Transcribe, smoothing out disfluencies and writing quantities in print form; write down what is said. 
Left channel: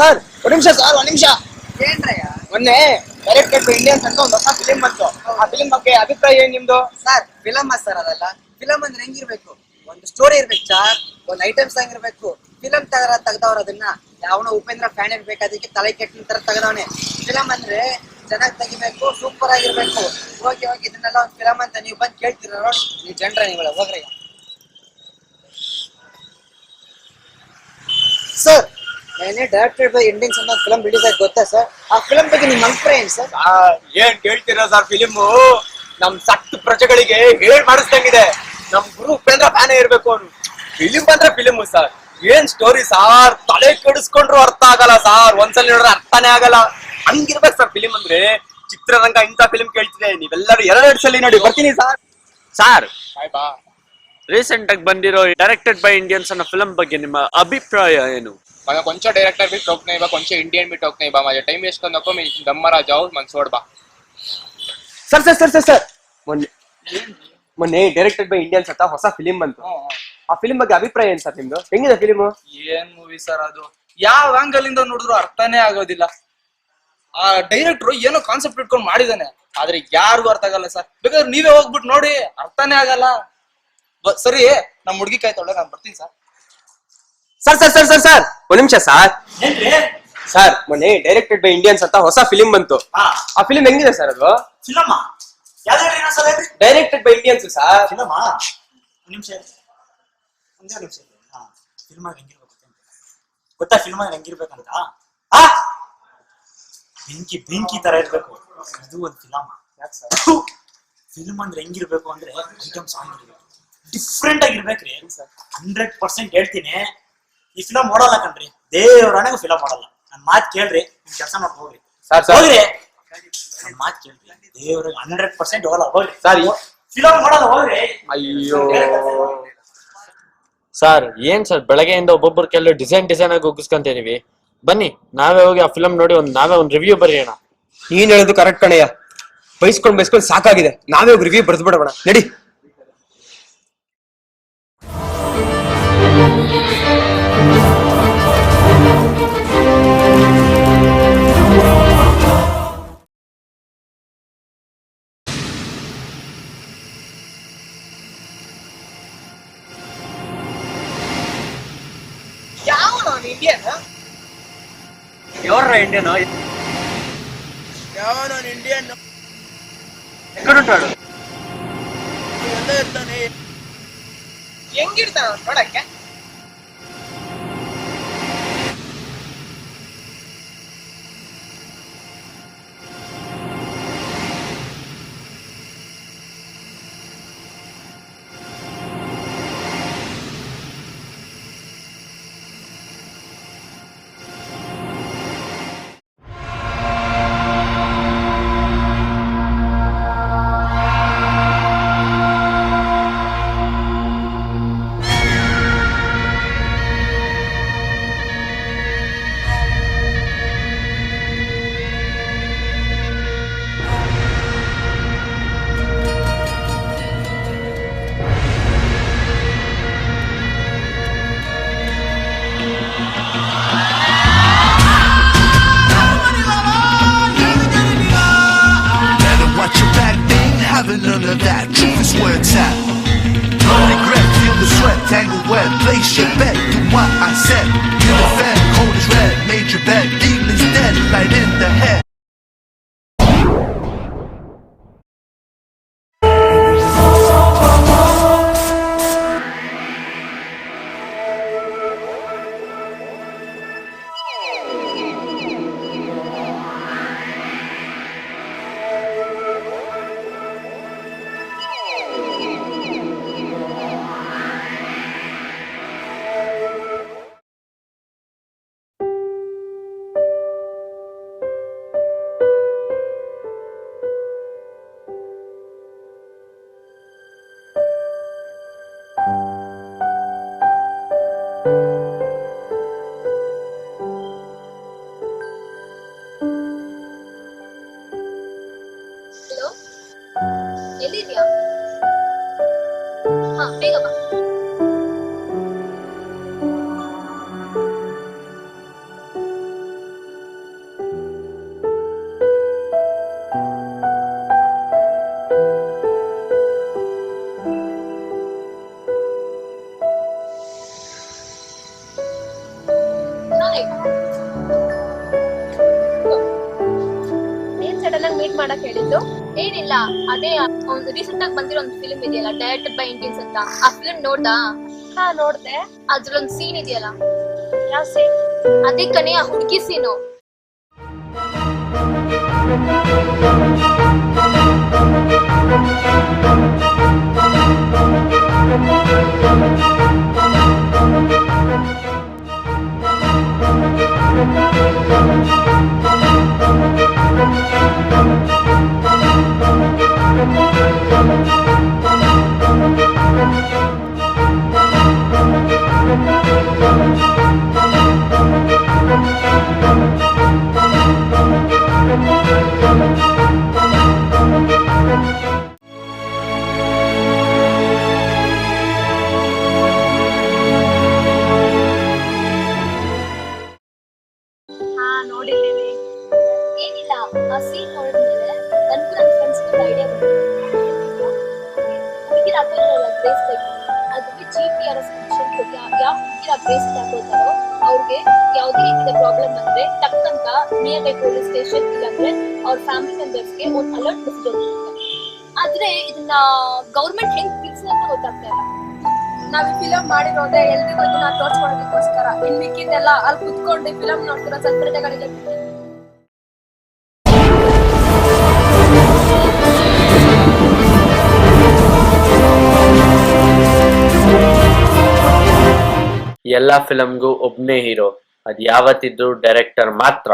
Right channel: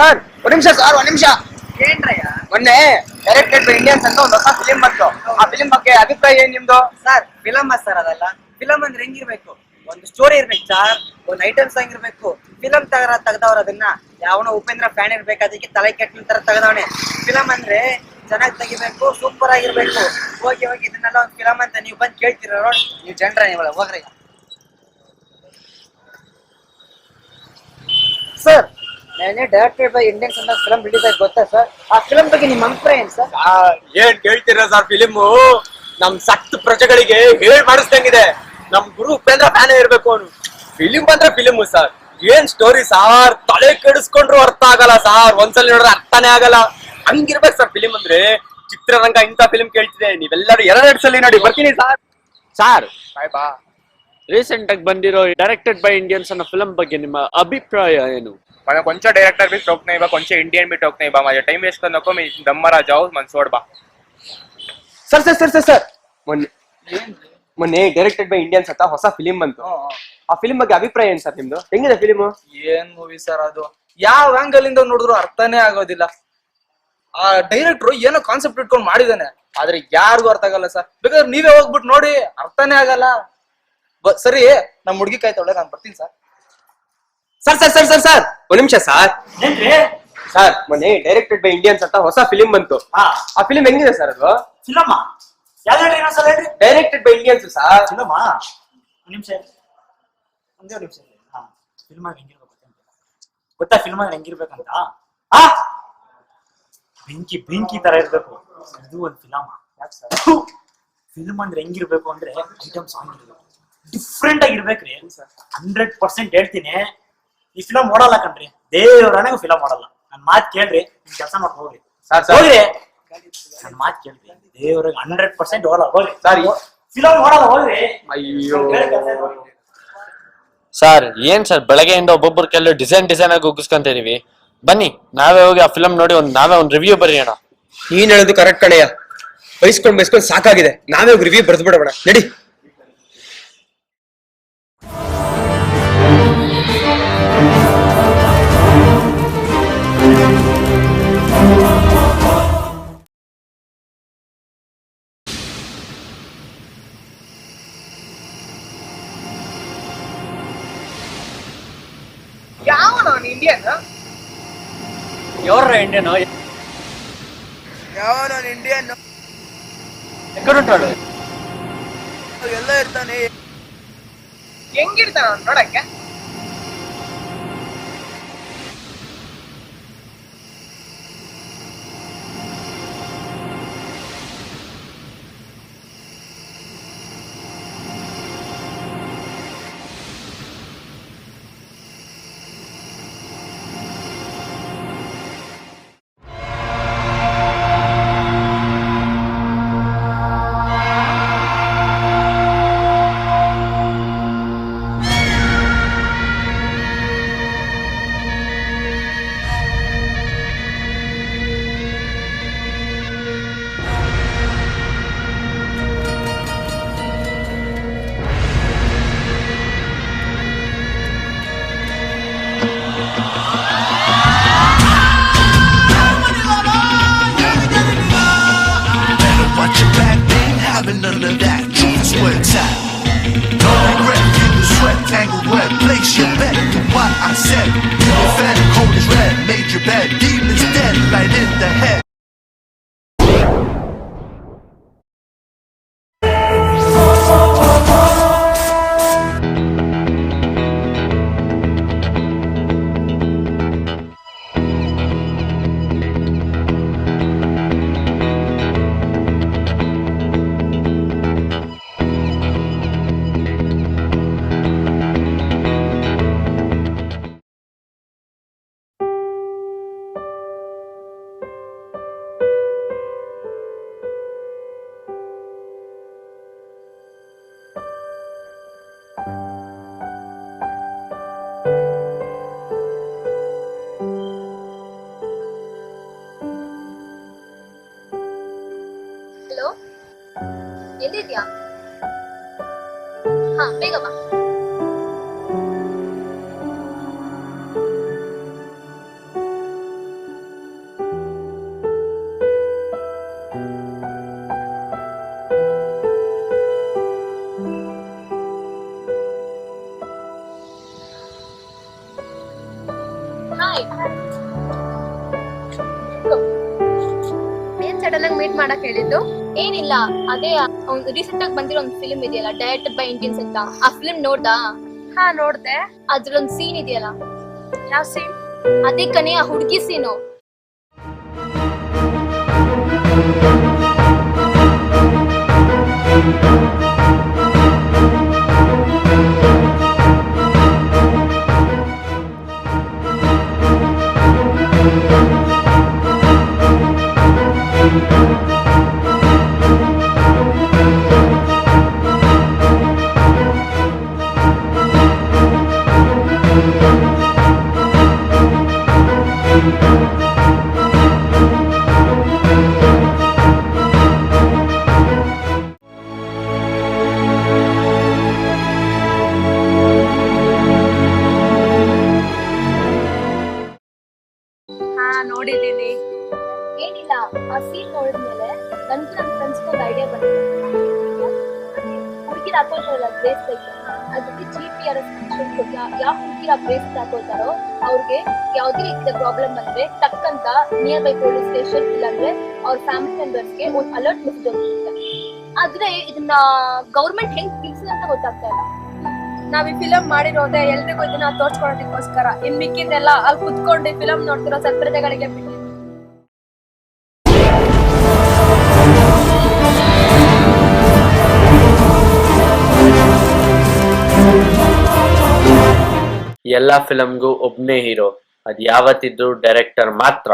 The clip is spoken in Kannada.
ಸರ್ ಒಂದ್ ನಿಮಿಷ ಸರ್ ಒಂದ್ ನಿಮಿಷ. ಏನ್ರಯ್ಯ? ಮೊನ್ನೆ ಡೈರೆಕ್ಟೆಡ್ ಬೈ ಇಂಡಿಯನ್ಸ್ ಅಂತ ಒಂದು ಹೊಸ ಫಿಲಿಂ ಬಂತು. ಆ ಫಿಲಿಂ ಬಗ್ಗೆ ಅಭಿಪ್ರಾಯ ಏನ್ ನಿಮ್ದು? ಸರ್ ಫಿಲಮ್ ಸರ್ ಅದಲ್ಲ. ಫಿಲಮ್ ಅಂದ್ರೆ ಹೆಂಗಿರ್ಬೇಕು? ಒಂದು ಸ್ಟೋರಿ ಇರ್ಬೇಕು ಸರ್, ಒಂದು ಐಟಮ್ ಸಾಂಗ್ ಇರ್ಬೇಕು. ಫಿಲಮ್ ತೆಗ್ದವ್ರ ಅದನ್ನ ಯಾವನೋ ಉಪೇಂದ್ರ ಫ್ಯಾನ್ ಇರ್ಬೇಕು, ಅದಕ್ಕೆ ತಲೆ ಕೆಟ್ಟ ತರ ತೆಗ್ದವನೆ. ಫಿಲಮ್ ಅಂದ್ರೆ ಚೆನ್ನಾಗಿ ತೆಗಿಬೇಕು, ಸೂಪರ್ ಆಗಿರ್ಬೇಕು. ಹೋಗಿ ಇದನ್ನೆಲ್ಲ ಒಂದು ಫಿಲಮ್ ಅಂತ ನೀವು ಬಂದು ಕೇಳ್ತೀರ ನೋಡಿ, ನೀವು ಜನರ ನೀವು ಹೋಗ್ರಿ. ಸರ್ ನೆನ್ನೆ ಡೈರೆಕ್ಟೆಡ್ ಬೈ ಇಂಡಿಯನ್ಸ್ ಅಂತ ಫಿಲಮ್ ರಿಲೀಸ್ ಆಗಿ ಗೊತ್ತಾ ಸರ್? ಆ ಫಿಲಮ್ ಬಗ್ಗೆ ನಿಮ್ಮ ಅಭಿಪ್ರಾಯ ಏನ್ ಸರ್? ಏನ್ ಕೇಳ್ತೀರಾ ಸರ್? ಫಿಲಿಮು ನಮ್ ಸಕ್ತ ಪ್ರಜೆಗಳಿಗೆ ಹೇಳ್ ಮಾಡಿಸ್ದಂಗಿದೆ. ನಮ್ ಗುರು ಉಪೇಂದ್ರ ಫ್ಯಾನ್ ಇರ್ಬೇಕು ಅವನು. ಫಿಲಿಂ ಬಂದ್ರೆ ಫಿಲಿಮು ಸರ್. ಏನ್ ಸ್ಟೋರಿ ಸಾರ್, ತಲೆ ಕೆಡಿಸ್ಕೊಂಡ್ರು ಅರ್ಥ ಆಗಲ್ಲ ಸಾರ್. ಒಂದ್ಸಲ ನೋಡಿದ್ರೆ ಅರ್ಥನೇ ಆಗಲ್ಲ. ಹಂಗಿರ್ಬೇಕು ಸರ್ ಫಿಲಿಂ ಅಂದ್ರೆ. ಚಿತ್ರರಂಗ ಇಂಥ ಫಿಲಿಂ ಕೇಳ್ತಿದೆ. ನೀವೆಲ್ಲರೂ ಎರಡೆರಡು ಸಲ ನೋಡಿ. ಬರ್ತೀನಿ ಸರ್. ಸಾರ್ ಬಾ. ರೀಸೆಂಟ್ ಆಗಿ ಬಂದಿರೋ ಡೈರೆಕ್ಟೆಡ್ ಬೈ ಇಂಡಿಯನ್ಸ್ ಅನ್ನೋ ಫಿಲಂ ಬಗ್ಗೆ ನಿಮ್ಮ ಅಭಿಪ್ರಾಯ ಏನು? मैं कोणच्या डायरेक्टर भी टोक नहीं बा, कोणचे इंडियन भी टोक नहीं बा. माझा टाइम वेस्ट करू नको. मी दम्मारा जाऊ मन सोड बा. ಸರ್ ಮೊನ್ನೆ ಡೈರೆಕ್ಟೆಡ್ ಬೈ ಇಂಡಿಯನ್ಸ್ ಅಂತ ಹೊಸ ಫಿಲಿಂ ಬಂತು. ಆ ಫಿಲಿಂ ಬಗ್ಗೆ ಅಭಿಪ್ರಾಯ ಏನ್ ಸರ್ ನಿಮ್ದು? ಹೆಂಗಿದೆ ಫಿಲಿಮು? ಏನ್ ಮೂವಿ ಸರ್ ಅದು? ಯಾವ ಆಂಗಲ್ ಇಂದ ನೋಡಿದ್ರು ಅರ್ಥನೇ ಆಗೋದಿಲ್ಲ. ಆ ಡೈರೆಕ್ಟ್ರು ಏನೋ ಕಾನ್ಸೆಪ್ಟ್ ಇಟ್ಕೊಂಡು ಮಾಡಿದಾನೆ, ಆದ್ರೆ ಯಾರಿಗೂ ಅರ್ಥ ಆಗಲ್ಲ ಸರ್. ಬೇಕಾದ್ರೆ ನೀವೇ ಹೋಗ್ಬಿಟ್ಟು ನೋಡಿ, ಅರ್ಥನೇ ಆಗಲ್ಲ. ಸರಿ, ನಮ್ ಹುಡುಗಿ ಕಾಯ್ತಾಳೆ, ನಾನು ಬರ್ತೀನಿ ಸರ್. ಸರ್ ಒಂದ್ ನಿಮಿಷ ಸರ್. ಸರ್ ಮೊನ್ನೆ ಡೈರೆಕ್ಟೆಡ್ ಬೈ ಇಂಡಿಯನ್ಸ್ ಅಂತ ಹೊಸ ಫಿಲಿಂ ಬಂತು. ಆ ಫಿಲಿಂ ಹೆಂಗಿದೆ ಸರ್ ಅದು? ಫಿಲಮ್ ಯಾವ್ದು ಹೇಳ್ರಿ? ಇನ್ನೊಂದ್ಸಲ ಹೇಳ್ರಿ. Directed by Indians sir. Film ಒಂದ್ ನಿಮಿಷ ಒಂದೇ ನಿಮಿಷ. ಫಿಲ್ಮ್ ಆಗಿ ಹೆಂಗಿರ್ಬೇಕು ಗೊತ್ತಾ? ಫಿಲ್ಮ್ ಆಗಿ ಹೆಂಗಿರ್ಬೇಕಂತ ಬೆಂಕಿ ತರ ಇರ್ಬೇಕು. ಇದು ಒಂದು ಫಿಲಮ್. ಫಿಲ್ಮ್ ಅಂದ್ರೆ ಹೆಂಗಿರ್ಬೇಕು ಅಂದ್ರೆ ಐಟಮ್ ಸಾಂಗ್ ಇರ್ಬೇಕು, ಡಿಫ್ರೆಂಟ್ ಆಗಿರ್ಬೇಕ್ರಿ. 100% ಹೇಳ್ತೀನಿ, ಈ ಫಿಲಮ್ ಓಡಲ್ಲ ಕಣ್ರಿ. ದೇವ್ರನೆಗೂ ಫಿಲಮ್ ಓಡಲ್ಲ. ನನ್ ಮಾತ್ ಕೇಳ್ರಿ, ನಿಮ್ ಕೆಲಸ ಮಾಡ್ಕೊಂಡು ಹೋಗ್ರಿ. ಹೋಗ್ರಿ, ನನ್ ಮಾತ್ ಕೇಳ್ರಿ. ದೇವ್ರಿಗೆ 100% ಓಡಲ್ಲ. ಹೋಗ್ರಿ ಸರ್, ಫಿಲಮ್ ಓಡಲ್ಲ. ಹೋಗ್ರಿ. ಅಯ್ಯೋ ಸರ್ ಏನ್ ಸರ್ ಬೆಳಗ್ಗೆಯಿಂದ ಒಬ್ಬೊಬ್ಬರು ಕೆಲವು ಡಿಸೈನ್ ಆಗಿ ಉಗಿಸ್ಕೊಂತೀವಿ. ಬನ್ನಿ ನಾವೇ ಹೋಗಿ ಆ ಫಿಲಂ ನೋಡಿ ನಾವೇ ಒಂದು ರಿವ್ಯೂ ಬರೆಯೋಣ. ನೀನ್ ಹೇಳೋದು ಕರೆಕ್ಟ್ ಕಣಯ್ಯ. ಬೈಸ್ಕೊಂಡ್ ಸಾಕಾಗಿದೆ. ನಾವೇ ಹೋಗಿ ರಿವ್ಯೂ ಬರೆದು ಬಿಡೋಣ ನಡಿ. ಯಾವನು ಇಂಡಿಯನ್? ಯಾವ್ರ ಇಂಡಿಯನ್? ಯಾವನು ಇಂಡಿಯನ್? ಎಕ್ಕಡುಂಟಾಡು ಎಲ್ಲ ಇರ್ತಾನೆ. ಹೆಂಗಿರ್ತಾನ ನೋಡಕ್ಕೆ? ಹಾಯ್. ಏನ್ ಸಡನ್ ಆಗಿ ಮೀಟ್ ಮಾಡಕ್ ಹೇಳಿದ್ದು? ಏನಿಲ್ಲ, ಅದೇ ರೀಸೆಂಟ್ ಆಗಿ ಬಂದಿರೋ ಒಂದು ಫಿಲ್ಮ್ ಇದೆಯಲ್ಲ, ಡೈರೆಕ್ಟೆಡ್ ಬೈ ಇಂಡಿಯನ್ಸ್ ಅಂತ. ಆ ಫಿಲ್ಮ್ ನೋಡ್ದಾ? ಹಾ ನೋಡ್ದೆ. ಅದ್ರಲ್ಲೊಂದ್ ಸೀನ್ ಇದೆಯಲ್ಲ, ಯಾವ ಸೀನ್? ಅದೇ ಕಣೆ ಆ ಹುಡುಗಿ ಸೀನು. ಹಾ ನೋಡಿದೀನಿ. ಏನಿಲ್ಲ, ಆ ಸೀನ್ ನೋಡಿದ್ಮೇಲೆ ನನ್ಗೂ ನನ್ನ ಫ್ರೆಂಡ್ಸ್ಗೂ ಒಂದು ಐಡಿಯಾ ಬಂದಿದೆ. ಹುಡುಗಿರು ಹಾಕೋತಾರಲ್ಲ ಬ್ರೇಸ್ಲೆಟ್, ಅದಕ್ಕೆ GPRS ಫಂಕ್ಷನ್ ಕೊಟ್ಟು ಯಾವ ಹುಡುಗಿರು ಆ ಬ್ರೇಸ್ಲೆಟ್ ಹಾಕೋತಾರೋ ಅವ್ರಿಗೆ ಯಾವುದೇ ರೀತಿಯ ಪ್ರಾಬ್ಲಮ್ ಬಂದ್ರೆ ಟಕ್ಕಂತ ನಿಯರ್ ಬೈ ಪೊಲೀಸ್ ಸ್ಟೇಷನ್ ಇಲ್ಲಾಂದ್ರೆ ಅವ್ರ ಫ್ಯಾಮಿಲಿ ಮೆಂಬರ್ಸ್ಗೆ ಒಂದು ಅಲರ್ಟ್ ಮೆಸೇಜ್ ಹೋಗುತ್ತೆ. ಆದ್ರೆ ಇದನ್ನ ಗೌರ್ಮೆಂಟ್ ಹೆಂಗ್ ತಿಳಿಸಿದೆ ಅಂತ ಗೊತ್ತಾಗ್ತಾ ಇಲ್ಲ. ನಾವ್ ಈ ಫಿಲಂ ಮಾಡಿರೋದೇ ಎಲ್ರಿಗೂ ಇದನ್ನ ತೋರ್ಸ್ಕೊಳೋದಕ್ಕೋಸ್ಕರ. ಇನ್ ಮಿಕ್ಕಿದೆಲ್ಲ ಅಲ್ಲಿ ಕುತ್ಕೊಂಡು ಫಿಲಂ ನೋಡ್ತಿರೋ ಸತ್ಪ್ರಜೆಗಳಿಗೆ ಬಿಟ್ಟಿದ್ವಿ. ಎಲ್ಲಾ ಫಿಲಮ್ಗೂ ಒಬ್ನೇ ಹೀರೋ, ಅದ್ ಯಾವತ್ತಿದ್ರು ಡೈರೆಕ್ಟರ್ ಮಾತ್ರ.